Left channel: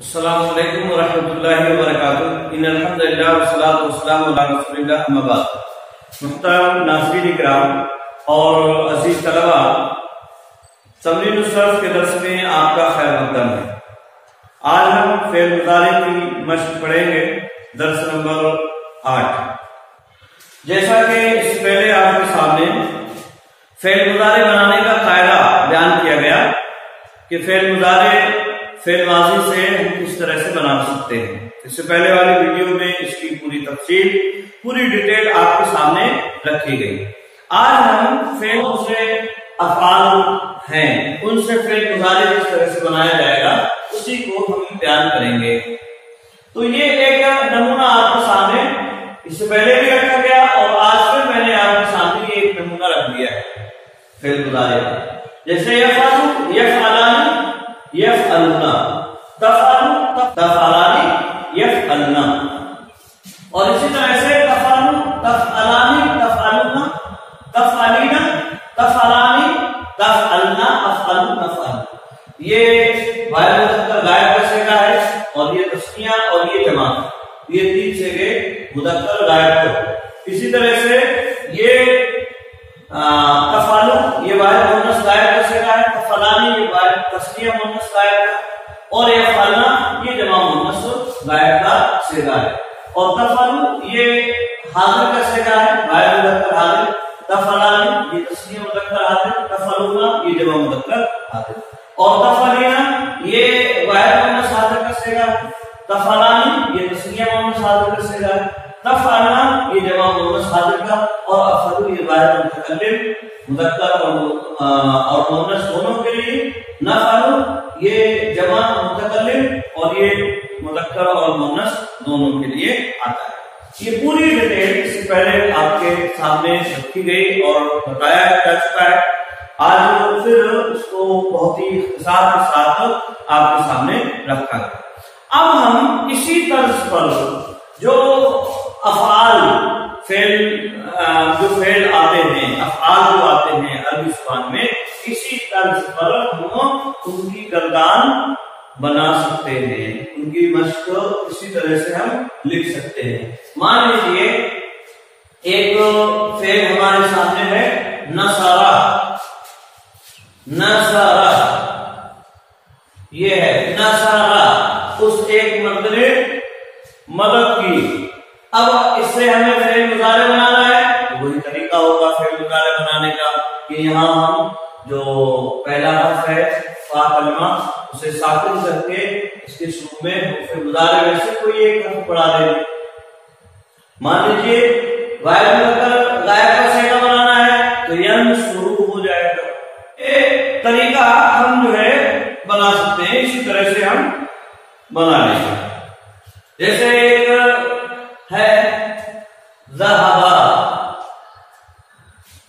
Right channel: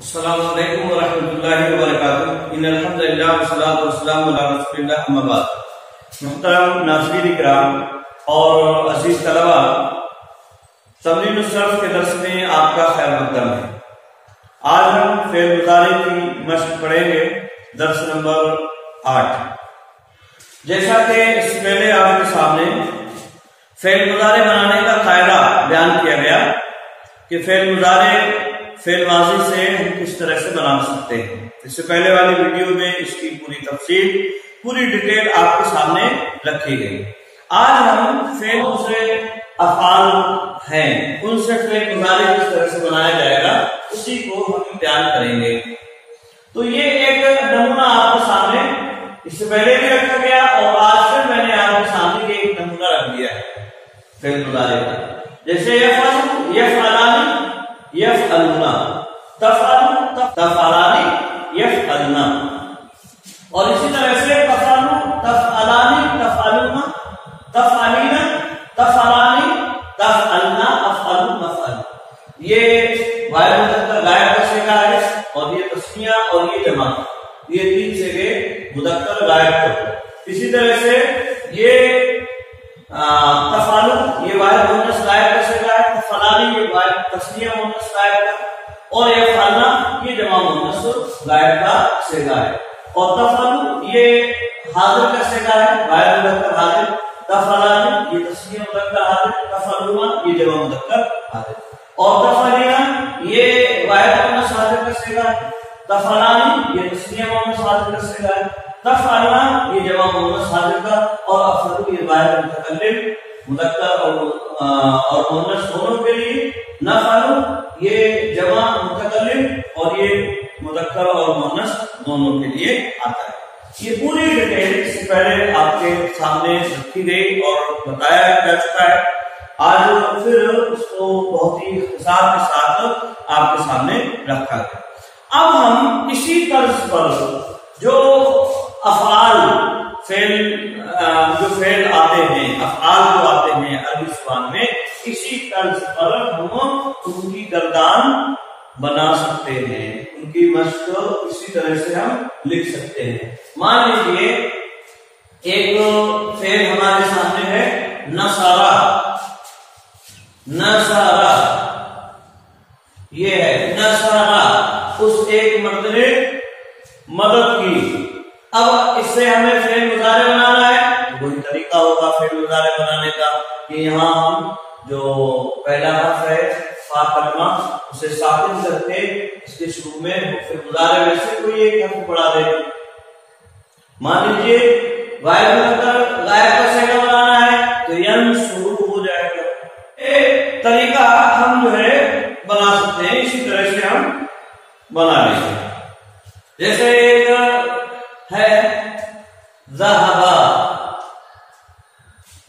السلام علیکم ورحمۃ اللہ وبرکاتہ۔ ان الحمد للہ والصلاۃ والسلام علی رسول اللہ، اما بعد۔ محترم ناظرین کرام اور عزیز طلبہ، تمرین الصرف کے درس میں آپ کا خیر مقدم ہے۔ آج ہم فعل مضارع کی مشق پڑھیں گے، درس نمبر 8۔ جیسا کہ اس سے پہلے آپ کے سامنے فعل مضارع بنانے کا قاعدہ بیان کیا گیا کہ فعل مضارع فعل ماضی سے ہم کس طرح سے بنا سکتے ہیں۔ اس سے پہلے والی ویڈیو میں اس کی پوری تفصیل، پوری ڈیٹیل آپ کے سامنے رکھی گئی۔ آج ہم فعل دوسرے افعال ہیں، ان سے فعل مضارع کس طرح سے بنایا جائے گا اسی کو ہم بیان کریں گے۔ تو یہ ایک نمونہ آپ کے سامنے اس سے پہلے بھی رکھا گیا اور آج پھر میں نے آپ کے سامنے یہ ایک نمونہ رکھ دیا ہے فعل مضارع کا۔ جیسے یفعل، یفعلان، یفعلون، تفعل، تفعلان، یفعلن، اور اسی طرح سے تفعل، تفعلان، تفعلون، تفعلین، تفعلان، تفعلن، افعل، نفعل۔ یہ واحد مذکر غائب کا صیغہ ہے اور یہ تثنیہ اور یہ جمع، یہ تین صیغے مذکر غائب کا۔ اسی طرح سے یہ تفعل، یہ واحد مؤنث غائب کا صیغہ ہے، تفعلان یہ واحد تثنیہ مؤنث غائب کا، اور یفعلن یہ جمع مؤنث غائب کا صیغہ ہے، اور تفعل یہ حاضر کا صیغہ ہے، واحد مذکر حاضر، تفعلان یہ تثنیہ مذکر حاضر، تفعلون یہ جمع مذکر حاضر، اور تفعلین یہ واحد مؤنث حاضر کا صیغہ ہے، تفعلان یہ تثنیہ مؤنث حاضر کا صیغہ ہے، تفعلن یہ جمع مؤنث حاضر کا، اور افعل یہ واحد متکلم مذکر اور مؤنث دونوں کے لیے، نفعل یہ جمع متکلم اور یہ مذکر اور مؤنث دونوں کے لیے آتا ہے۔ یہ پوری ڈیٹیل اس سے پہلے آپ کے سامنے رکھی گئی اور بتایا جا چکا ہے۔ آج پھر اس کو بہت ہی اختصار کے ساتھ آپ کے سامنے رکھا گیا۔ اب ہم اسی طرز پر جو افعال جو فعل آتے ہیں، افعال جو آتے ہیں عربی زبان میں، اسی طرز پر ہم ان کی گردان بنا سکتے ہیں، ان کی مشق اسی طرح سے ہم لکھ سکتے ہیں۔ مان لیجیے ایک فعل ہمارے سامنے ہے نصارا، نصارا یہ ہے نصارا، اس ایک مرد نے مدد کی۔ اب اس سے ہمیں فعل مضارع بنانا ہے، وہی طریقہ ہوگا فعل مضارع بنانے کا کہ یہاں ہم جو پہلا حرف ہے فا کلمہ اسے ساکن کر کے اس کے شروع میں فعل مضارع میں سے کوئی ایک حرف پڑھا دیں۔ مان لیجیے واحد مذکر غائب کا صیغہ بنانا ہے تو ین شروع ہو جائے گا۔ ایک طریقہ ہم جو ہے بنا سکتے ہیں، اسی طرح سے ہم بنا لیں گے۔ جیسے ایک ہے ذہبا،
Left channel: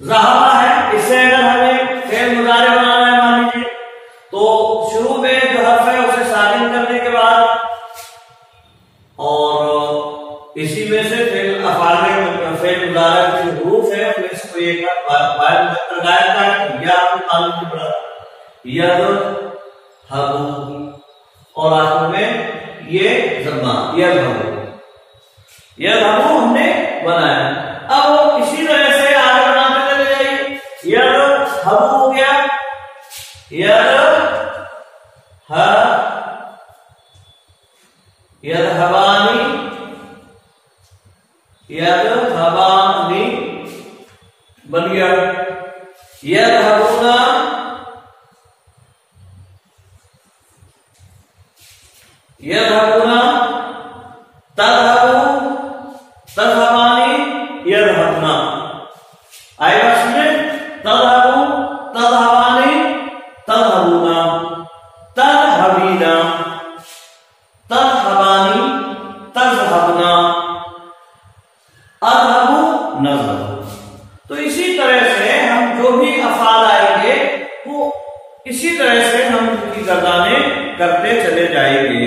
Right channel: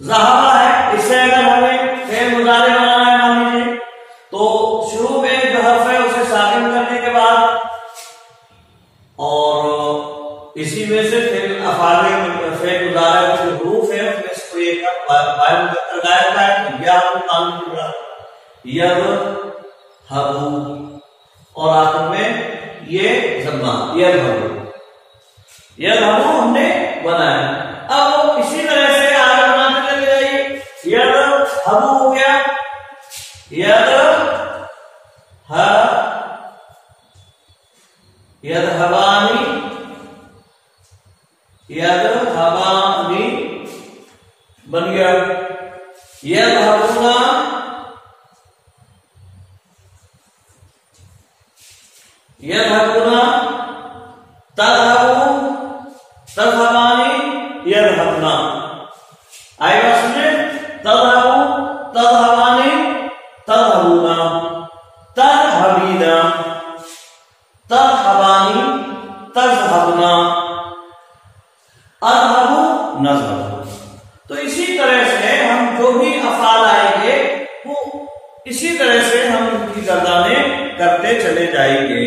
ذہبا ہے، اس سے اگر ہمیں فعل مضارع بنانا ہے مان لیجیے تو شروع میں جو حرف ہے اسے ساکن کرنے کے بعد اور اسی میں سے فعل مضارع کے حروف ہے اس میں سے کوئی ایک واحد مذکر غائب کا ہے تو یا ہم قانون کی بڑھا یذهبوا، اور آخر میں یہ ضمہ یذهبوا، یذهبوا ہم نے بنایا۔ اب اسی طرح سے آگے بناتے چلے جائیے، یذهبوا ہو گیا، یذهبانی، یذهبانی بن گیا، یذهبون، یذهبون، تذهبوا، تذهبانی، یذهبنا، آئے گا سمجھے، تذهبوا، تذهبانی، تذهبون، تذهبینا، تذهبانی، تذهبنا، اذهبوا، نذهب۔ تو اسی طرح سے ہم جو بھی افعال آئیں گے وہ اسی طرح سے ہم ان کی گردانیں کرتے چلے جائیں گے،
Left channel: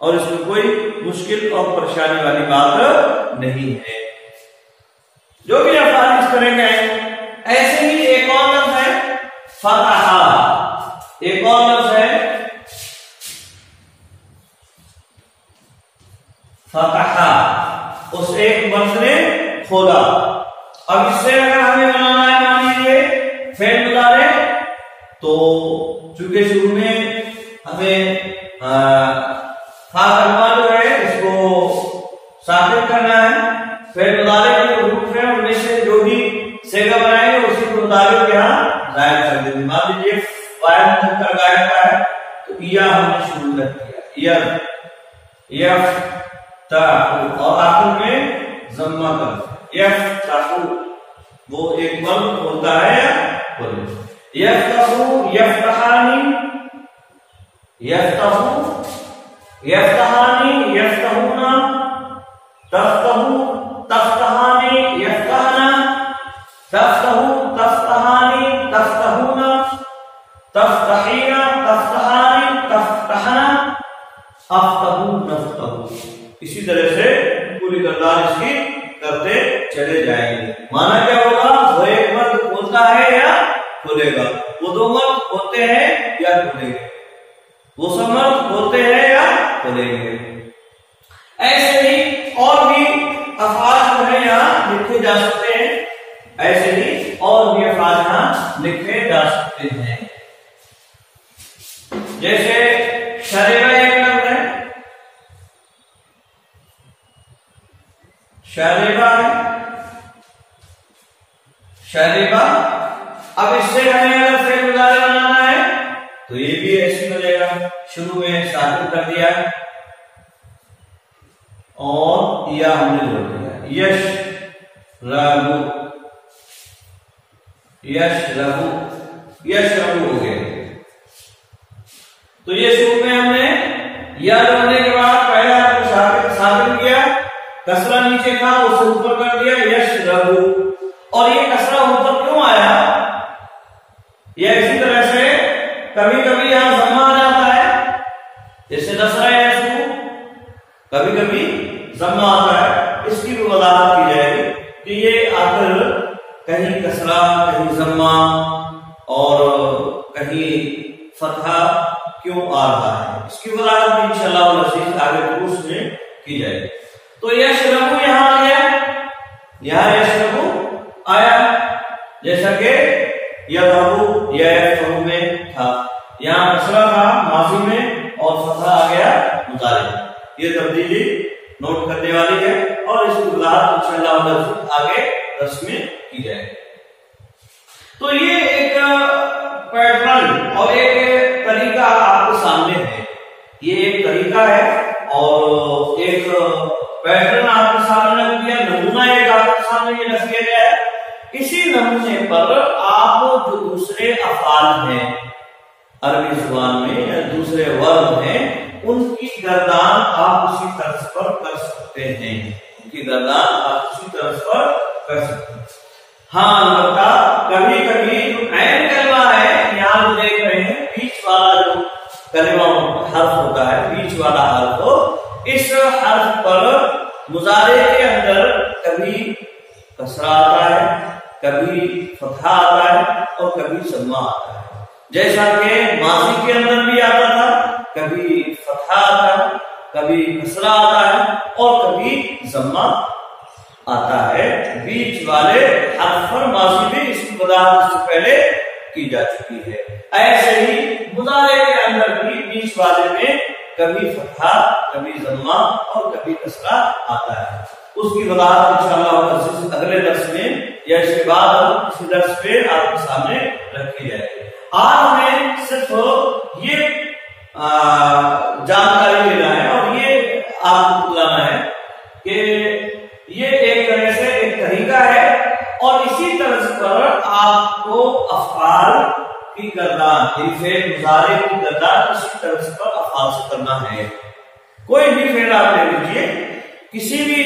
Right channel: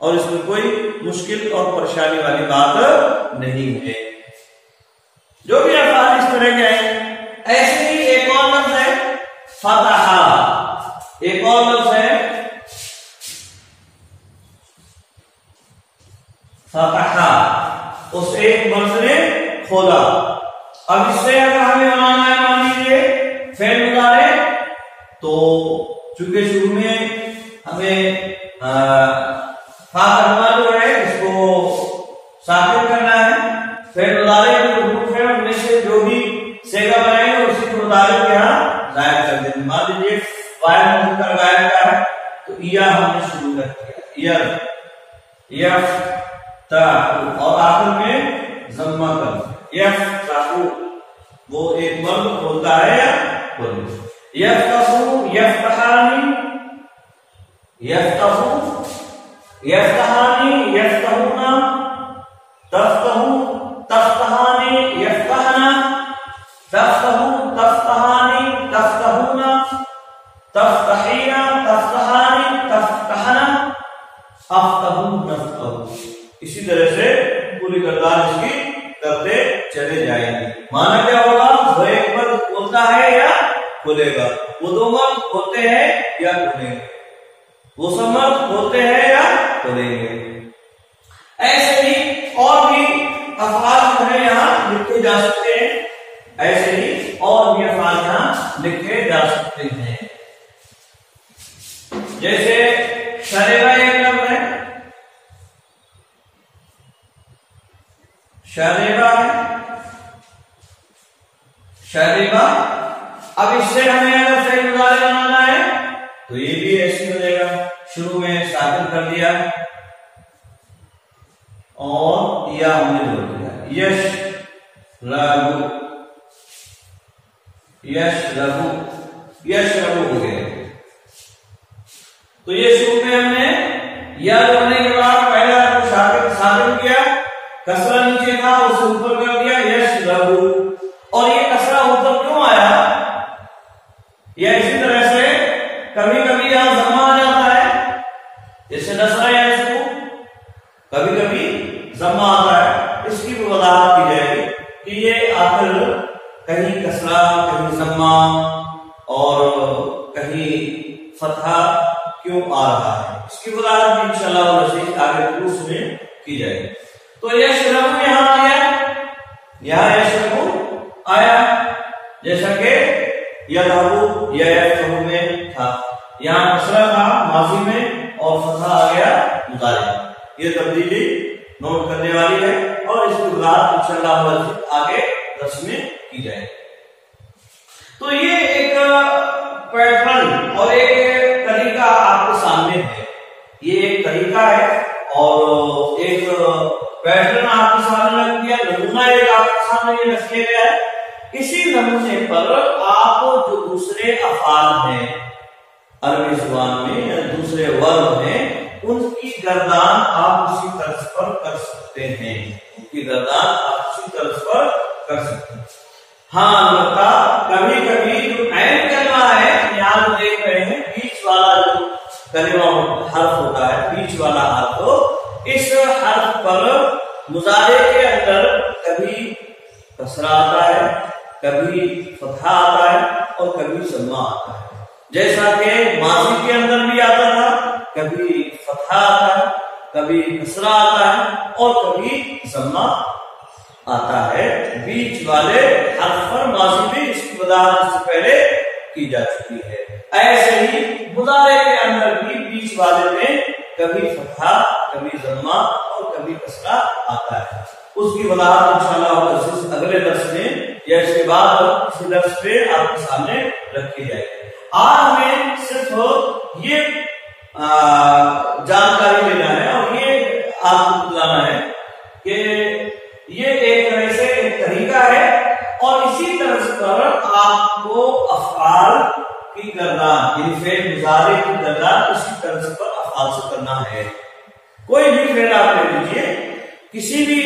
اور اس میں کوئی مشکل اور پریشانی والی بات نہیں ہے۔ جو بھی افعال اس طرح کے ہیں، ایسے ہی ایک اور لفظ ہے فتح، ایک اور لفظ ہے فتحا، اس ایک مرد نے کھولا. اب اس سے اگر ہمیں بنانا ہے مان لیجیے فعل مضارع، تو چونکہ شروع میں ہمیں فا کلمہ جو ہے اس کو ساکن کرنا ہے. فعل مضارع کے حروف ہیں ان میں سے جو بھی صیغہ بنائیں گے اسی کو مطابق یہاں ظاہر کر دیں گے. مان لیجیے فاعل مذکر غائب کا ہے تو یا ہم نے شروع کر دیا یفتح، اور آخر میں ضمہ کر دیا یفتح، وہ ایک مرد بولتا ہے یا بولے. یفتحو یفتحانی یفتحو یفتحانی یفتحونا، تفتحو تفتحانی یفتحنا، تفتحو تفتحانی تفتحونا، تفتحینا تفتحانی تفتحنا، افتحو نفتحو. اسی طرح سے پوری کردار اس کی کرتے چلے جائیں گے. مانا کیا ہوگا؟ وہ ایک مرد بولتا ہے یا کھولے گا، وہ دو مرد ہوتے ہیں یا کھولیں گے، وہ سب مرد ہوتے ہیں یا کھولیں گے. ایسے ہی اور بھی افعال جو ہے یہاں لکھے جا سکتے ہیں، ایسے ہی اور بھی افعال یہاں لکھے جا سکتے ہیں. جیسے شربہ ایک لفظ ہے، شربہ شربہ. اب اس سے ہمیں اگر فعل مضارع بنانا ہے تو یہ بھی ایسے بنے گا، شروع میں ساکن کر دیا اور یا ہم نے جوڑ دیا. یش ربو یش ربو یش ربو ہو گئے. تو یہ شروع میں ہم نے یا بننے کے بعد پہلا ساکن کیا، کسرہ نیچے تھا اسے اوپر کر دیا یش ربو. اور یہ کسرہ اوپر کیوں آیا؟ یہ اسی طرح سے کبھی کبھی یہاں ضمہ آ جاتا ہے، جیسے نصرہ یسرو کبھی کبھی ضمہ آتا ہے. اس کی وضاحت کی جائے گی کہ یہ آخر کہیں کسرہ کہیں ضمہ اور کہیں فتحہ کیوں آ رہا ہے، اس کی وضاحت انشاءاللہ آگے کورس میں کی جائے گی. تو یشربو یہاں آیا، یہاں یشربو آیا جیسا کہ یذهبو یا یفتحو میں تھا، یہاں کسرہ تھا ماضی میں اور فتحہ آ گیا مضارع. یہ تبدیلی نوٹ کرنے والی ہے اور اس کی وضاحت انشاءاللہ آگے درس میں کی جائے گی. تو یہ ایک پیٹرن اور ایک طریقہ آپ کے سامنے ہے، یہ ایک طریقہ ہے اور ایک پیٹرن آپ کے سامنے رکھ دیا، نمونہ ایک آپ کے سامنے یہ رکھ دیا گیا ہے. اسی نمونے پر آپ جو دوسرے افعال ہیں عربی زبان میں یا دوسرے ورب ہیں ان کی گردان آپ اسی طرز پر کر سکتے ہیں، ان کی گردان آپ اسی طرز پر کر سکتے ہیں. ہاں البتہ کبھی کبھی جو عین کلمہ ہے یہاں جو دیکھ رہے ہیں بیچ والا جو کلمہ حرف ہوتا ہے، بیچ والا حرف، تو اس حرف پر مضارع کے اندر کبھی کسرہ آتا ہے، کبھی فتحہ آتا ہے اور کبھی ضمہ آتا ہے. جیسا کہ ماضی کے اندر بھی آتا تھا، کبھی فتحہ آتا ہے، کبھی کسرہ آتا ہے اور کبھی ضمہ آتا ہے. بیچ والے حرف پر ماضی میں اس کی وضاحت سے پہلے کی جا چکی ہے. ایسے ہی مضارع کے اندر بھی بیچ والے میں کبھی فتحہ کبھی ضمہ اور کبھی کسرہ آتا ہے. اس کی وضاحت انشاءاللہ اگلے درس میں یا اس کے بعد کسی درس پہ آپ کے سامنے رکھی جائے گی. آج ہمیں صرف یہ جانکاری لینا ہے اور یہ آپ کو بتلانا ہے کہ یہ ایک طرح سے ایک طریقہ ہے اور اسی طرح پر آپ کو افعال کی گردان، فعل مضارع کی گردان اسی طرح پر افعال سے کرنا ہے. کوئی بھی فعل آپ لے لیجیے، کسی بھی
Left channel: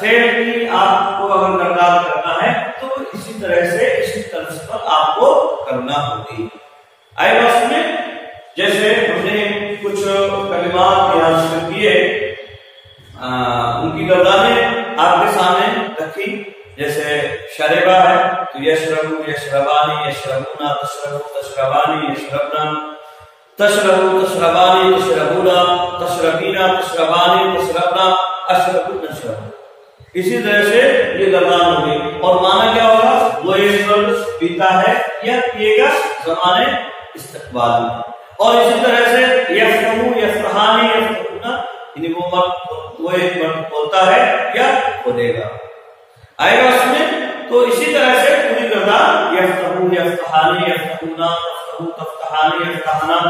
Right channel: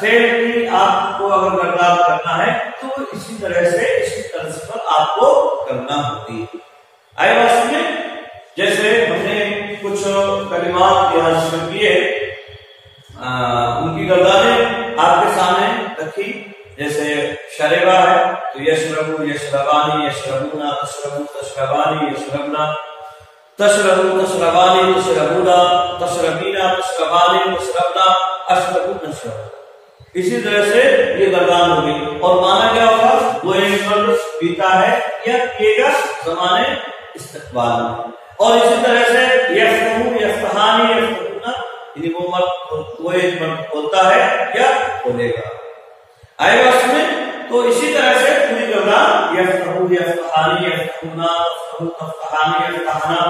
فعل کی آپ کو اگر گردان کرنا ہے تو اسی طرح سے اسی طرز پر آپ کو کرنا ہوگی. آئے بات میں جیسے ہم نے کچھ کلمات یہاں ذکر کیے، ان کی گردانیں آپ کے سامنے رکھی. جیسے شربہ ہے تو یشربو یشربانی یشربونا تشربو تشربانی یشربنا. تشربو تشربانی تشربونا تشربینا تشربانی تشربنا اشربو نشربو. اسی طرح سے یہ گردان ہوگی اور معنی کیا ہوگا؟ وہ ایک وقت پیتا ہے یا پیے گا زمانے استقبال میں. اور اسی طرح سے یفتحو یفتحانی یفتحونا یعنی وہ ایک وقت ہوتا ہے یا کھولے گا. آئے گا اس میں. تو اسی طرح سے پوری گردان یفتحو یفتحانی یفتحونا تفتحو تفتحانی یفتحنا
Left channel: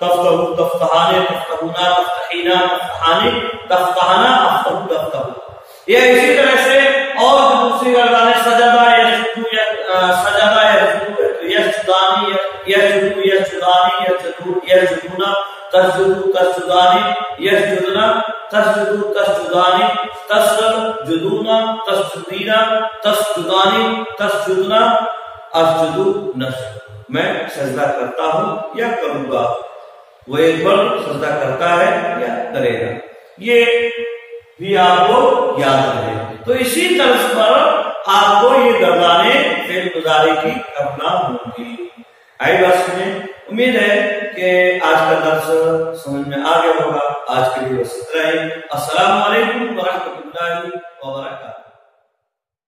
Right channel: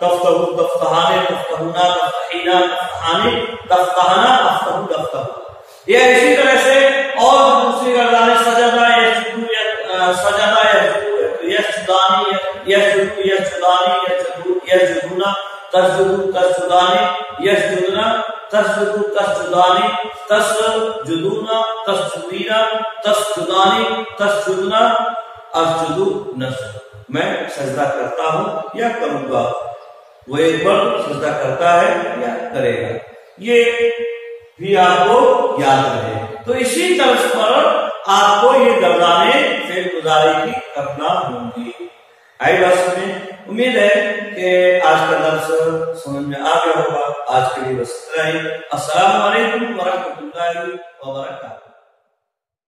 تفتحو تفتحانی تفتحونا تفتحینا تفتحانی تفتحنا افتحو تفتحو. یہ اسی طرح سے اور دوسری گردان سجدہ یسجدو سجدہ یسجدو یسجدانی یسجدو یسجدانی یسجدو یسجدونا تسجدو تسجدانی یسجدنا تسجدو تسجدانی تسجدونا تسجدینا تسجدانی تسجدنا اسجدو نسجد. میں سجدہ کرتا ہوں یا کروں گا. وہ ایک بار سجدہ کرتا ہے یا کرے گا. یہ بھی آپ کو یاد رہے. تو اسی طرز پر آپ کو یہ گردانیں فعل مضارع کی کرنا ہوں گی. آئی بات میں امید ہے کہ آج کا درس سمجھ میں آ گیا ہوگا. آج کے لیے بس اتنا ہی. السلام علیکم ورحمۃ اللہ وبرکاتہ.